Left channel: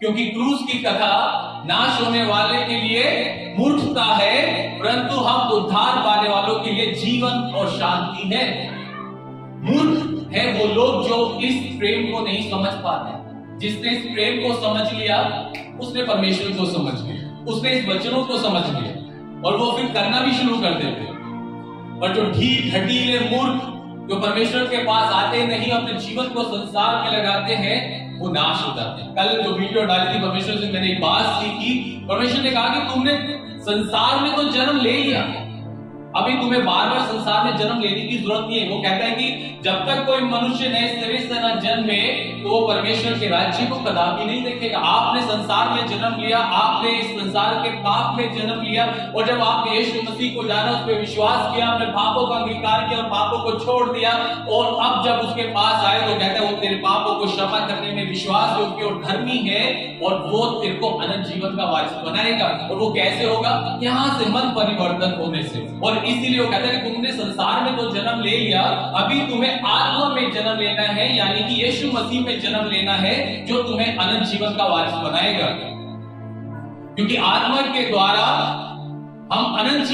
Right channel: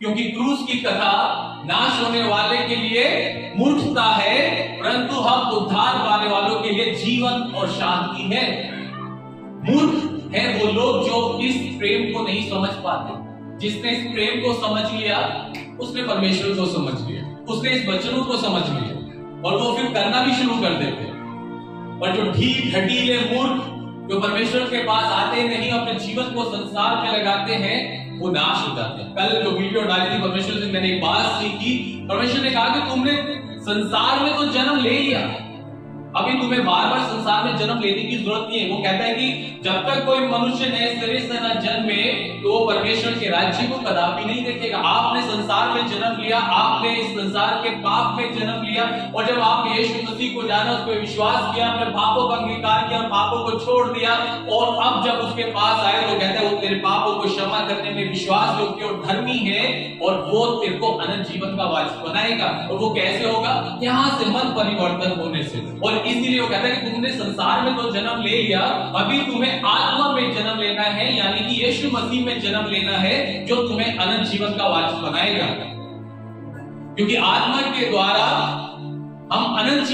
क्योंकि क्रूस की कथा नाश होने वाले के लिए मूर्खता है, परंतु हम उद्धार पाने वालों के लिए जीवन और शांति है। मूर्ख है वो लोग जो इस प्रेम को नहीं समझ पाते। जिसने इस प्रेम को समझ लिया उसने परमेश्वर को समझ लिया, उसने इस वचनों को समझ लिया और वो फिर करना भी शुरू कर देते। पर जो ढीठ ढकीले मूर्ख जो परमेश्वर के पास आते नहीं, अपने जीवन को संसार में लगाते हैं, वो नाश हो जाते हैं। कल जो वीडियो डाली थी परमेश्वर से मैंने एक बात सीखी। परमेश्वर ने कहा कि तुमने संसार में तो जन्म ले लिया, अभी तुम्हें बार बार संसार में जन्म लेने की जरूरत नहीं है। वो कहता है कि जब तक कोई मनुष्य नए सिरे से न जन्मे तो वो परमेश्वर के राज्य को कदापि नहीं देखेगा। आपने संसार में जन्म लिया, आपने इस संसार के पाप में जन्म लिया, और जब आपने यीशु मसीह को जाना, उस पर विश्वास किया, अपने पापों का अंगीकार किया और पापों को छोड़ दिया, और अब जब उसके पास आए तो कहता है वो तेरे पापों को क्षमा करने में विश्वास योग्य और धर्मी है, और वो तेरे को अनंत जीवन का वारिस बनाएगा। और वो कैसे होगा? यहाँ से मन परिवर्तन होने से। और इसीलिए वो कहता है कि तुमने संसार में तो जन्म ले लिया, अभी तुम्हें आत्मा में जन्म लेना है, यानी कि यीशु मसीह में जन्म लेना है, जो तुम्हें अनंत जीवन का वारिस बनाएगा। क्योंकि आत्मा के द्वारा हम अनंत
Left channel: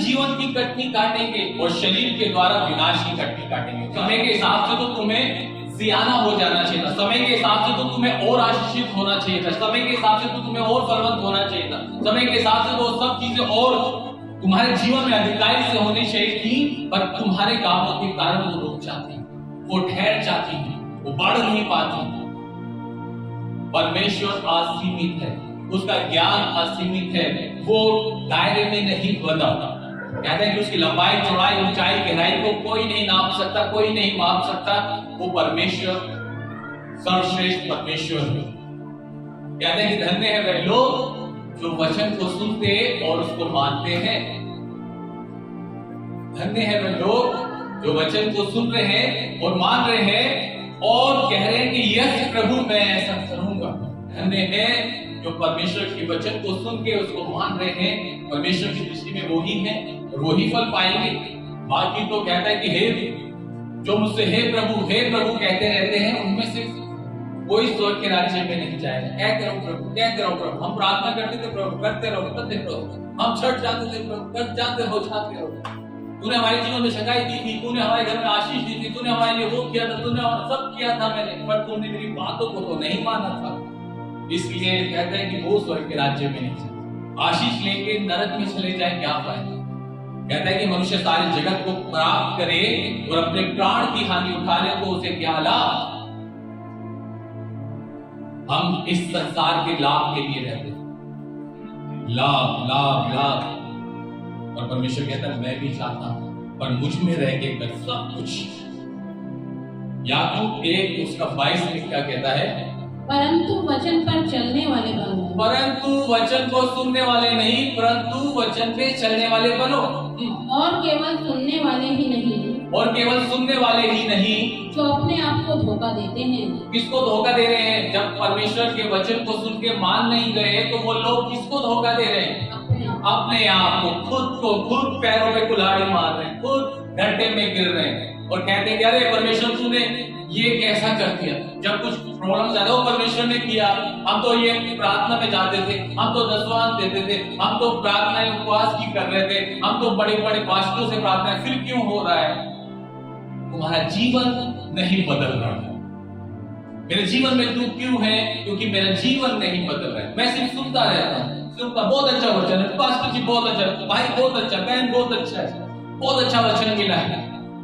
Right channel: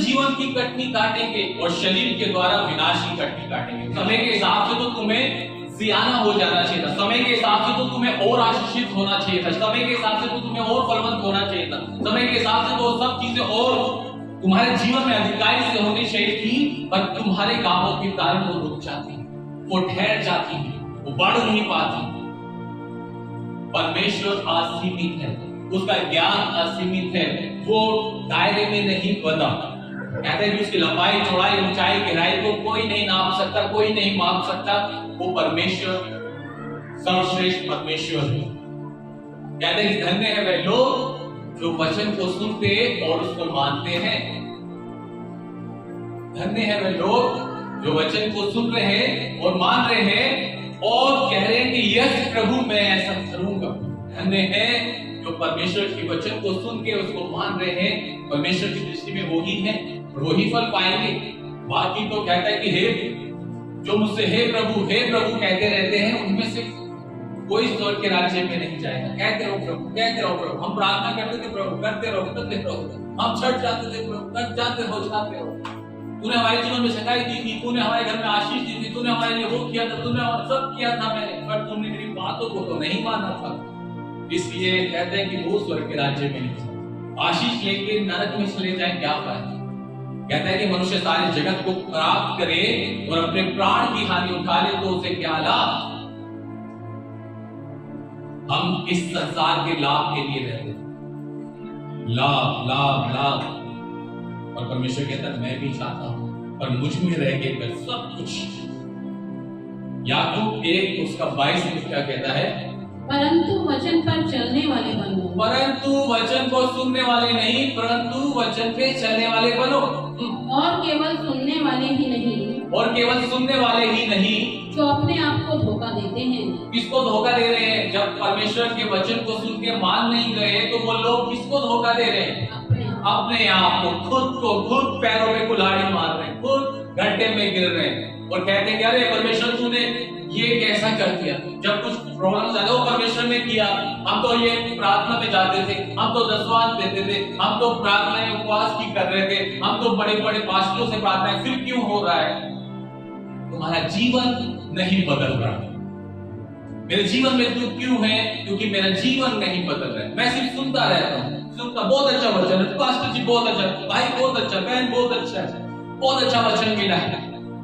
जीवन की कटनी काटेंगे और शरीर के द्वारा विनाश की कटनी काटेंगे। समय के हिसाब से तो तुम्हें सियाना हो जाना चाहिए था, समय के हिसाब से तो तुम्हें और आशीषित होना चाहिए था, समय के हिसाब से तो तुम्हें और फलवंत होना चाहिए था, समय के हिसाब से तो सब चीजें और तुम्हारे जीवन में अधिकारी से होनी चाहिए थी, पर तुम्हारे कामों के कारण वो रुक जाती, वो ठहर जाती, वो बढ़ नहीं पाती। परमेश्वर असीमित है, उसका ज्ञान असीमित है, वो दायरे में नहीं बंधा। कहते हैं कि उसकी लंबाई, चौड़ाई, ऊंचाई, गहराई को कोई नहीं नाप सकता, कोई नहीं माप सकता। वो परमेश्वर सर्वश्रेष्ठ परमेश्वर है। कहते हैं कि धन्य है वे लोग जो वचन को सुनते और उसको मानते हैं। धन्य है वे लोग जो वचन को सुन रहे हैं और मान रहे हैं और कह रहे हैं कि यस प्रभु मैं ऐसा करूंगा। धन्य है जो परमेश्वर के वचन को सुन के उसको मान रहे हैं। परमेश्वर की दृष्टि में वो ही है और वो ही फल पाएंगे। बाकी तो कहता है कि हे जो मुझसे हे प्रभु कहते रहते हैं, उनमें से कोई स्वर्ग के राज्य में नहीं जाएगा। कहते रहो प्रभु, कहते रहो प्रभु। हम प्रार्थना करते थे प्रभु, करते रहो, करते रहो। हम छठ जाते थे प्रभु, कर जाते हो, जाते हो। तूने हमारे जीवन में सगाई दी थी, तूने हमारे घर में आशीष दी थी, तूने हमारे लिए वो किया था, तूने सब किया था मैंने, पर तूने मेरी बातों को तो नहीं माना था। इसलिए कहते हैं कि वो स्वर्ग के राज्य में नहीं जाए। आशीष लेके नरक में चले जाए क्या फायदा? कहते हैं कि मनुष्य सारे जगत को प्राप्त करे और अपने प्राण की हानि उठा ले तो उसे क्या लाभ? हम इस संसार के लाभ के लिए रहते हैं, लाभ लाभ लाभ। और परमेश्वर कहता है मैं भी चाहता हूं, पर मुझ में रह के कर सब कुछ। याकूब 1 उसका 22 में क्या कहता है? परंतु वचन पर चलने वाले बनो। परंतु वचन को सुनने वाले नहीं, परंतु वचन पे चलने वाले बनो। और केवल सुनने वाले ही नहीं, और केवल सुनने वाले ही नहीं, जो अपने आप को धोखा देते हैं। किसको धोखा दे रहे हैं? जब परमेश्वर के वचन को सुन के मान नहीं गए तो वो लोग किसको धोखा दे रहे हैं? अपने आप को, खुद पैरों में कुल्हाड़ी मार रहे हैं, खुद गड्ढे में गिर रहे हैं और कहते हैं अरे परमेश्वर तूने ये कैसा कर दिया। जब कुछ प्रॉब्लम ज्यादा वो परमेश्वर ने किया, हम तो ये प्रार्थना में जाते थे, हम तो दसवां देते थे, हम तो प्रार्थना उपवास की कर रहे थे, हम तो बड़े बड़े पास्टरों से प्रार्थना, फिर क्यों हो रहा है? तुम्हारा जीवन नहीं बदल रहा। मेरे जीवन में दुख क्यों है? क्योंकि मेरा जीवन नहीं बदल रहा है। मैं सिर्फ सुनता रहता हूँ, सुनता, बहुत अच्छा वचन है पास्टर जी, बहुत अच्छा, भाई बहुत अच्छा, बहन बहुत अच्छा है, बहुत अच्छा वचन मिला है,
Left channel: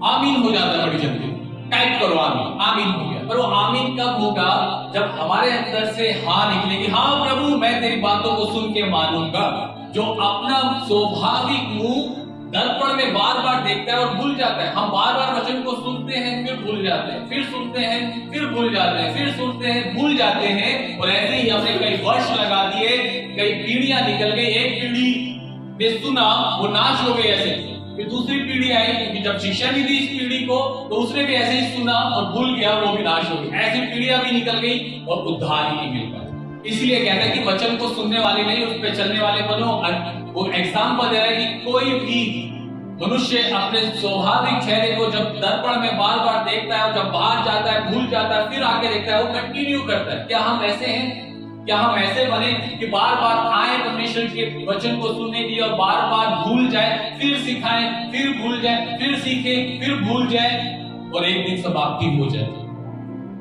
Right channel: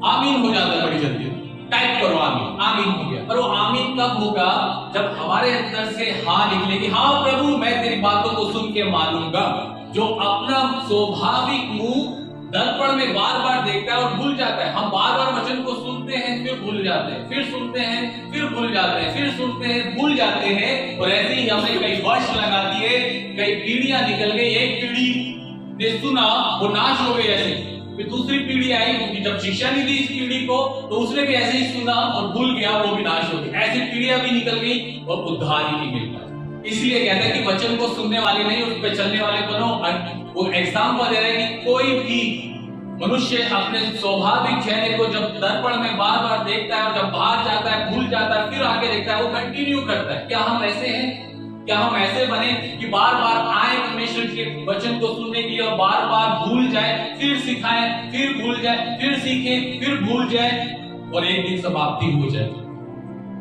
आमीन हो जाता है बड़ी जल्दी। टाइप करो आमीन, आमीन हो गया। पर वो आमीन कब होगा? जब हमारे अंदर से हाँ निकलेगी, हाँ प्रभु मैं तेरी बातों को सुन के मानूंगा। जो अपना स्वाभाविक मुंह दर्पण में बार बार देखता है और भूल जाता है। हम बार बार वचन को सुनते हैं, फिर भूल जाते हैं, फिर सुनते हैं, फिर भूल जाते हैं, फिर सुनते हैं, भूल जाते हैं। और ऐसे ही हमने कई वर्ष लगा दिए, कई पीढ़ियां निकल गई। एक पीढ़ी ने सुना, वो नाश हो गई ऐसे, फिर दूसरी पीढ़ी आई, क्योंकि जब शिक्षा नहीं दी इस पीढ़ी को तो उसने भी ऐसे ही सुना और भूल गया, वो भी नाश हो गई। ऐसी पीढ़ियां भी निकल गई और उद्धार ही नहीं मिल पाया। इसलिए कहता है कि वचन को सुनने वाले नहीं, उस पर चलने वाले बनो। वो एग्जाम्पल दे रहा है कि कोई भी मनुष्य अपने स्वाभाविक चेहरे को जब दर्पण में बार बार देखता है और जब बाहर जाता है, भूल जाता है, फिर आगे देखता है, वो कंटिन्यू करता है। क्या हम ऐसे हैं? क्या हम ऐसे बने कि बार बार आए परमेश्वर के वचन को सुनने के लिए और बार बार भूल जाए, फिर सिखाएं, फिर भूल जाए, फिर सीखे, फिर भूल जाए और एक दिन समाप्ति हो जाए,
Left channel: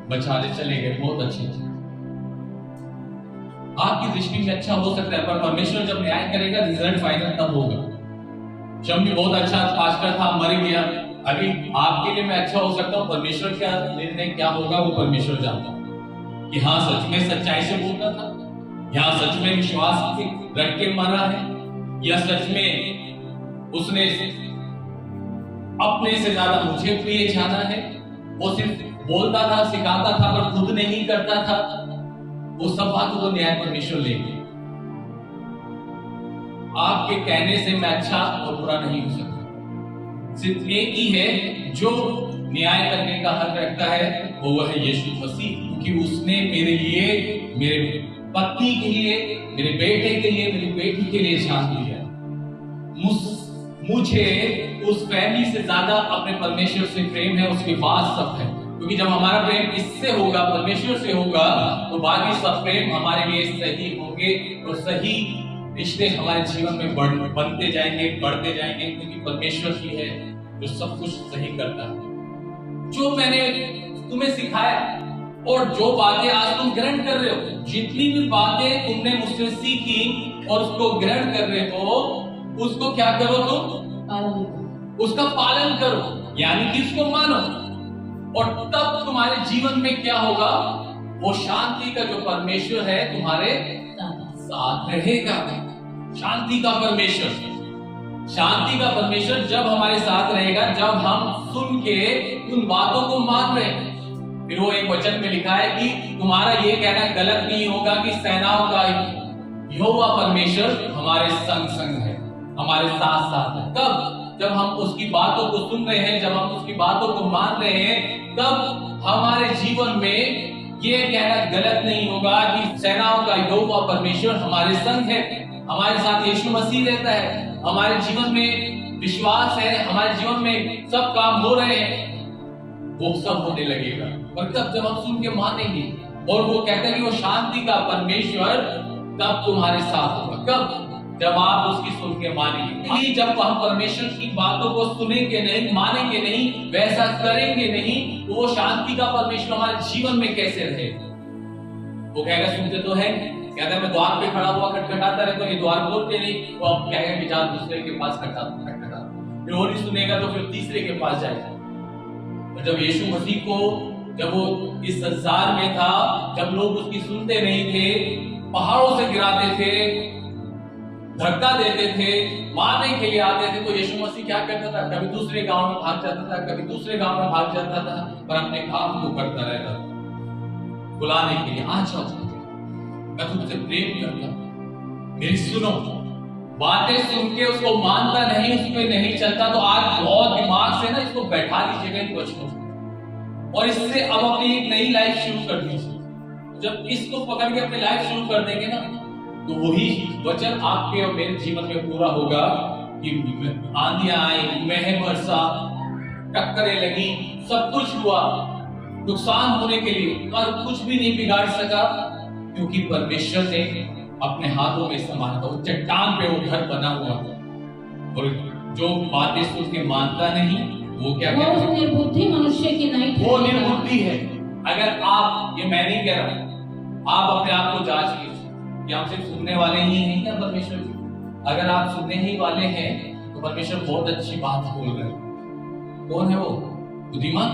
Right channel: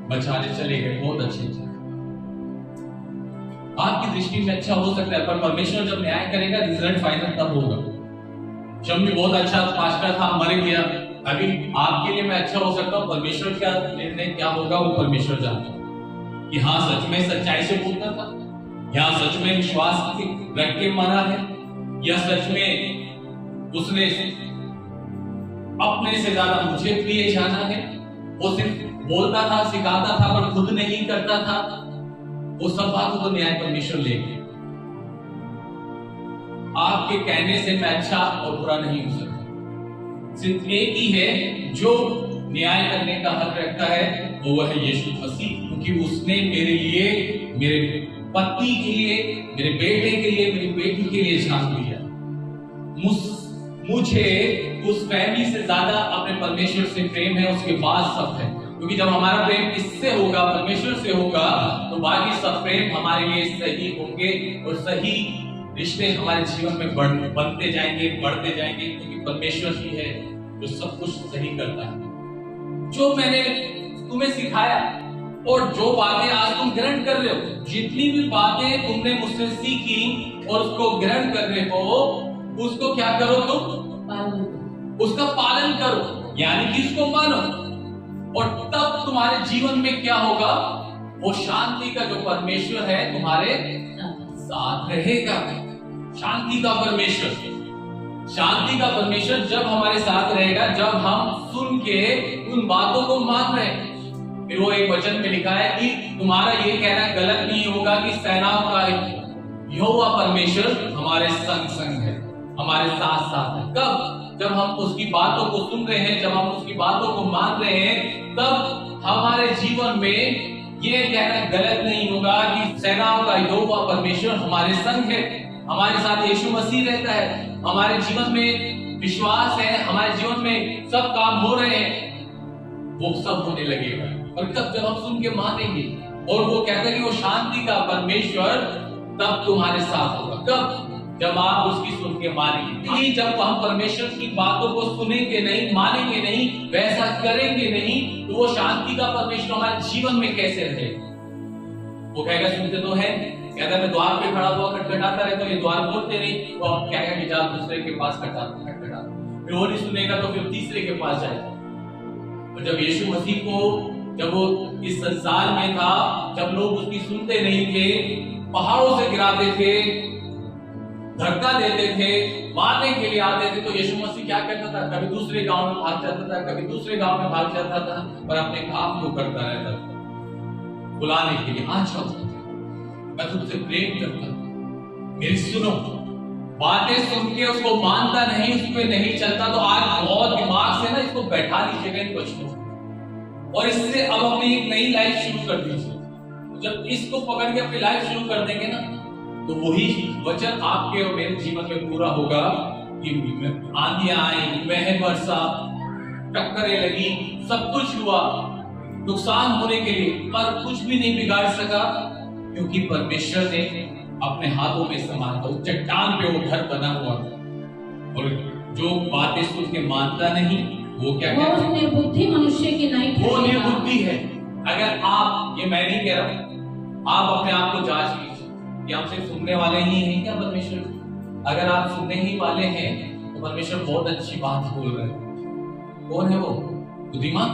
बचाने चले गए, बहुत अच्छे। आपकी दृष्टि में अच्छा हो सकता है, पर परमेश्वर जब न्याय करेगा रिजल्ट फाइनल तब होगा। जब भी बहुत अच्छा पास्टर था, मर गया, अभी आपके लिए मैं अच्छा हो सकता हूँ, परमेश्वर का निर्णय क्या होगा वो परमेश्वर जानता है। कि हाँ सच में सच्चाई से बोलता था, या सच में विश्वास रख के मरा है, या सच में उसने अपने से ज्यादा मुझे प्रिय जाना है। वो सिर्फ बोलता था, सिखाता था, पर खुद नहीं करता था। वो सब बातों को न्याय परमेश्वर लेंगे। आपके कहने से मैं अच्छा और बुरा नहीं हो सकता। सिर्फ एक ही है जो न्याय करने का हक रखता है, वो है यीशु मसीह, क्योंकि उसने मेरे लिए, मेरे पत्नी के लिए, मेरे बेटे के लिए, मेरी बेटी के लिए जान दिया। मुझे उस फैमिली से ज्यादा अपने परमेश्वर से प्रेम है, उसके बाद सब है। क्योंकि जब हमारा प्रेम इससे होगा, परमेश्वर से होगा, तो बाकी सब प्रेम हमारे लिए सही होंगे और सही रिश्ते हमारे जीवन में बनते जाएंगे, बढ़ते जाएंगे, क्योंकि परमेश्वर ही है जो सब कुछ सही करता है। जो मैंने तुम्हें सिखाया और जो बातें आज तुम ग्रहण कर रहे हो, जितनी भी बातें तुमने मुझसे सीखी और उसको ग्रहण कर रहे हो, उसको क्या करो तुम? उसका पालन करो, यानी कि उसको मानो, और तब तुम्हारे जीवन में क्या होगा? वो शांति का जो परमेश्वर है तुम्हारे साथ रहेगा। शांति का परमेश्वर, शांति का परमेश्वर जब हमारे साथ रहेगा, जब हम सुन के उन बातों को मान रहे हैं। फिर वो एक वचन में लिखा है कि तुम्हारा ये कहना गलत नहीं होगा कि सेनाओं का यहोवा परमेश्वर हमारे संग संग है, हमारे साथ साथ है। कब? जब हम उसकी बातों को सुन रहे हैं, जब हम उसकी बातों को मान रहे हैं, तब हमारे जीवन में ये कहना गलत नहीं होगा कि सेनाओं का यहोवा परमेश्वर हमारे संग है, हमारे साथ यीशु मसीह रहता है, हमारे जीवन में विश्वास है, हमारे जीवन में सब काम हो रहे हैं, वो सब होने लगेगा। और कब? जब हम सुन के मानेंगे। और वो कहते हैं कि वो शांति का परमेश्वर तब तुम्हारे साथ होगा। कब? जब आप उसकी सुन के मानेंगे। जब हम परमेश्वर की बातों को सुनेंगे नहीं, मानेंगे नहीं, वैसा करेंगे नहीं, तो वो शांति का परमेश्वर हमारे जीवन में कैसे रहे? वो कहेगा सुनते तो है, कहता है मैं द्वार पे खड़ा हुआ खटखटाता रहता हूं, ये द्वार खोलते नहीं, तो अब कहेगा कि जा दूसरे के पास खटखटा, फिर वो नहीं सुनेगा तो फिर तीसरे के पास जाएगा। और जब यीशु मसीह को, जब वो इस संसार में था, जब लोग उसकी सुनते नहीं थे, पहाड़ों से गिराते थे, धक्का देते थे, मारने के लिए आते थे, तो यीशु मसीह क्या करता था? कभी दूसरे गांव में भाग जाता था, कभी दूसरे गांव में भाग जाता था, पर अपने काम को करता रहता था, बुलाने के लिए आ जाओ, मैं तुमसे प्रेम करता हूं, मेरी सुनो। बातें सुन के उसको मानता नहीं, उसमें नहीं चलता, तो आज बहुत दिमाग से ना इसको बैठा लीजिएगा इन वचनों को, और इससे अब अपनी एक नई लाइफ शुरू कर दीजिए। जब इसको पकड़ के अपनी लाइफ शुरू कर देंगे ना, तो वही वचन आपके और मेरे जीवन में पूरा होगा कि आंधियां आई, मेह बरसा, टक्करें लगी, सब कुछ हुआ, नुकसान होने के लिए, पर कुछ भी नहीं बिगाड़ सका, क्योंकि परमेश्वर ने अपने हाथों में संभाला था। चट्टान पे वो घर बना हुआ था। और जो बातें सुन के मानता नहीं, वो क्या कहता है? निर्बुद्धि मनुष्य की नहीं, वो निर्बुद्धि है। अगर आप, ये मैं नहीं कह रहा, आप अपने आप को जांच लीजिए कि आप सिर्फ सुनने वाले ही हैं क्या परमेश्वर? अगर आप सुनने ही वाले हैं तो परमेश्वर बहुत अच्छी बात बोल रहे हैं। कौन है वो? बुद्धिमान?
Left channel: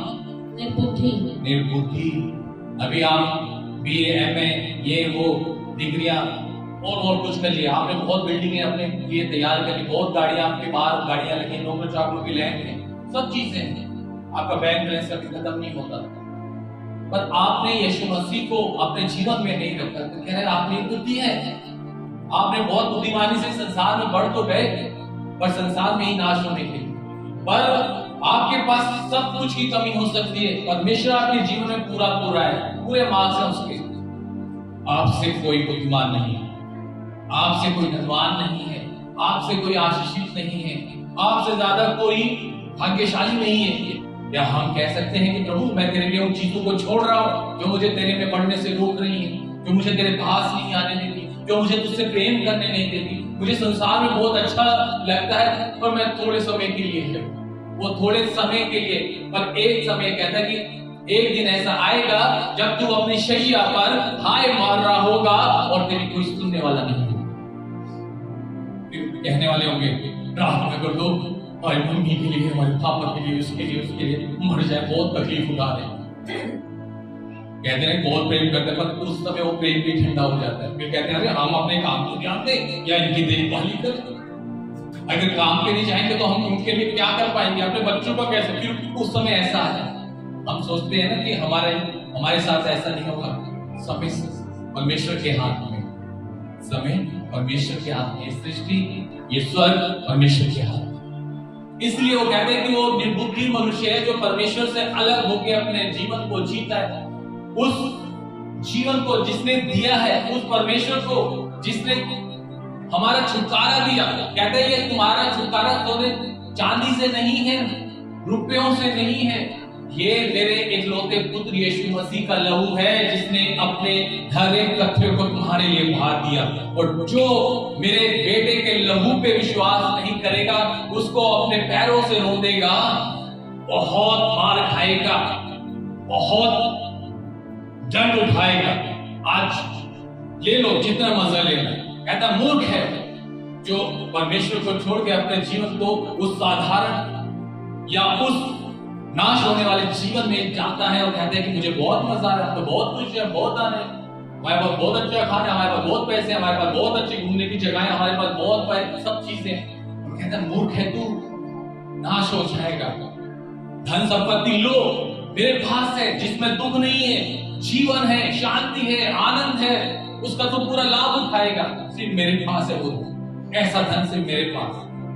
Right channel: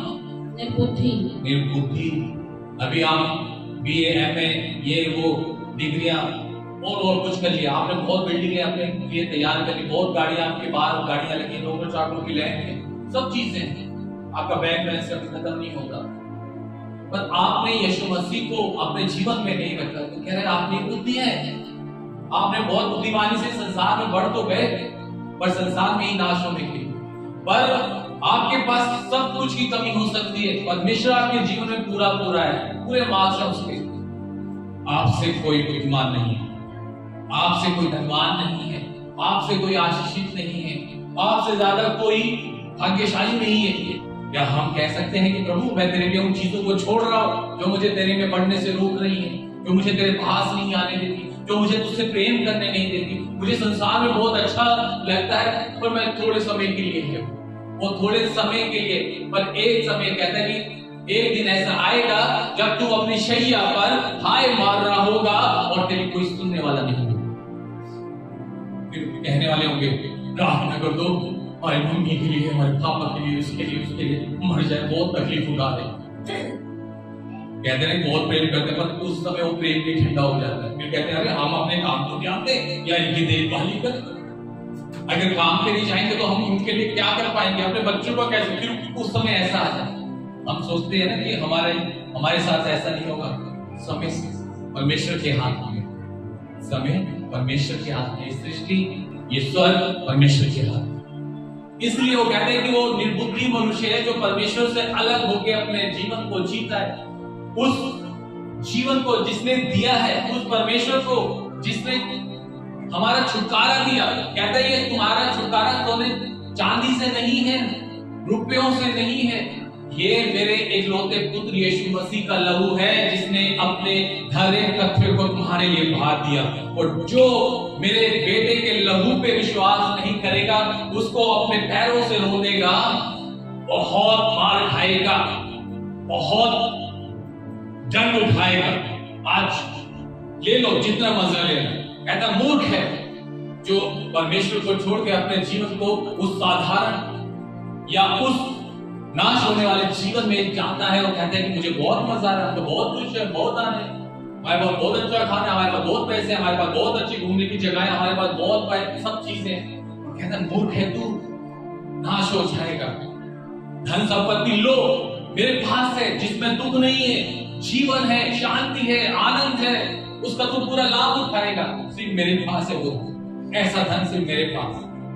निर्बुद्धि। निर्बुद्धि। अभी आप BA, MA, ये वो डिग्रियां और कुछ कर लिया आपने, बहुत बिल्डिंगें अपने लिए तैयार कर ली, बहुत गाड़ियां आपके बाहर गाड़ियां लगी, नौकरी चाकरों की लैंड है, सब चीजें, आपका बैंक बैलेंस कभी खत्म नहीं होता, पर आपने यीशु मसीह को अपने जीवन में नहीं रखा, तो कह रहे आप निर्बुद्धि है। आपने बहुत बुद्धिमानी से संसार में बढ़ तो गए, पर संसार में ही नाश होने के, पर आपके पास सब कुछ की कमी हो सकती है, परमेश्वर आपके जीवन में पूरा है, पूरे मार्क्स हैं उसके। आपसे कोई बुद्धिमान नहीं है, आपसे कोई धनवान नहीं है, आपसे कोई आशीषित नहीं है, आपसे ज्यादा कोई भाग्यशाली नहीं है। या हम कह सकते हैं कि प्रभु मैं तेरे लिए उन चीजों को छोड़ रहा हूं जो मुझे तेरे में बढ़ने से रोक रही है, जो मुझे तेरे पास नहीं आने देती, जो मुझे तुझसे प्रेम करने नहीं देती। मुझे संसार में बहुत अच्छा लगता है पर मैं थोड़े समय के लिए है, वो थोड़े समय के लिए। पर एक समय कहता है कि एक दिन ऐसा आएगा जब तू अपनी शैया पर हाय मार रहा होगा और तेरी कोई सुनने वाला नहीं होगा। फिर कहने वाले होंगे प्रार्थना कर दो हमारी मम्मी के लिए, हमारे पापा के लिए, उसके लिए मर जाए, बहुत तकलीफ उठा रहे। कहते हैं बहुत प्रेम करते हैं पर उस समय वो प्रेम भी ठंडा हो जाता है। फिर कहते हैं अरे हम अपने काम को ध्यान दें या इनकी देखभाल कर। अगर काम पे नहीं जाएंगे तो हम उनके लिए क्या कर पाएंगे, अपने बच्चों को कैसे। फिर उस समय ऐसा आ जाए, हम सोचते हैं ना कि हमारे साथ ऐसा नहीं होगा। समय परमेश्वर के हाथ में, समय परमेश्वर के हाथ में, सृष्टि ये स्वर्ग परमेश्वर के हाथ। इसलिए वो कहते हैं कि वो निर्बुद्धि मनुष्य है जो परमेश्वर से अलग होकर अपने जीवन को जीता है। उस जीवन को जिसने दिया है, उस परमेश्वर को जिसने हमारा छुटकारा दिया, कहता है ये तुम्हारा छुटकारा सोने चांदी से नहीं है, रुपयों से नहीं है, ये मेरे इकलौते पुत्र यीशु मसीह का लहू है जिसने अपने हर एक तथ्य को तुम्हारे लिए भार दिया। और जो मेरे बेटे के लहू पे विश्वास नहीं करेगा उसको अपने पैरों से रो देगा, बहुत मार खाएगा, बहुत दंड उठाएगा। आज ले लो जितना मजा लेना। कहता मूर्ख है जो परमेश्वर को छोड़ के अपने जीवन को उस साधारण या उस नाश होने वाले जीवन में जाता है और कहता है कि मुझे बहुत मजा आ रहा है, तो बहुत कुछ है, बहुत आने, हमारे पास बहुत अच्छा खाना है, हमारे पास बहुत पैसे हैं, हमारे पास बहुत अच्छी घूमने की जगह है, हमारे पास बहुत सब चीजें हैं। कहता है मूर्ख है तू, नाश हो जाएगा। धन संपत्ति लो मेरे पास है जिसमें दुख नहीं है, जीवन है, शांति है, आनंद है, उसका तू पूरा लाभ उठाएगा। सिर्फ मेरे पास है वो, ऐसा धन सिर्फ मेरे पास।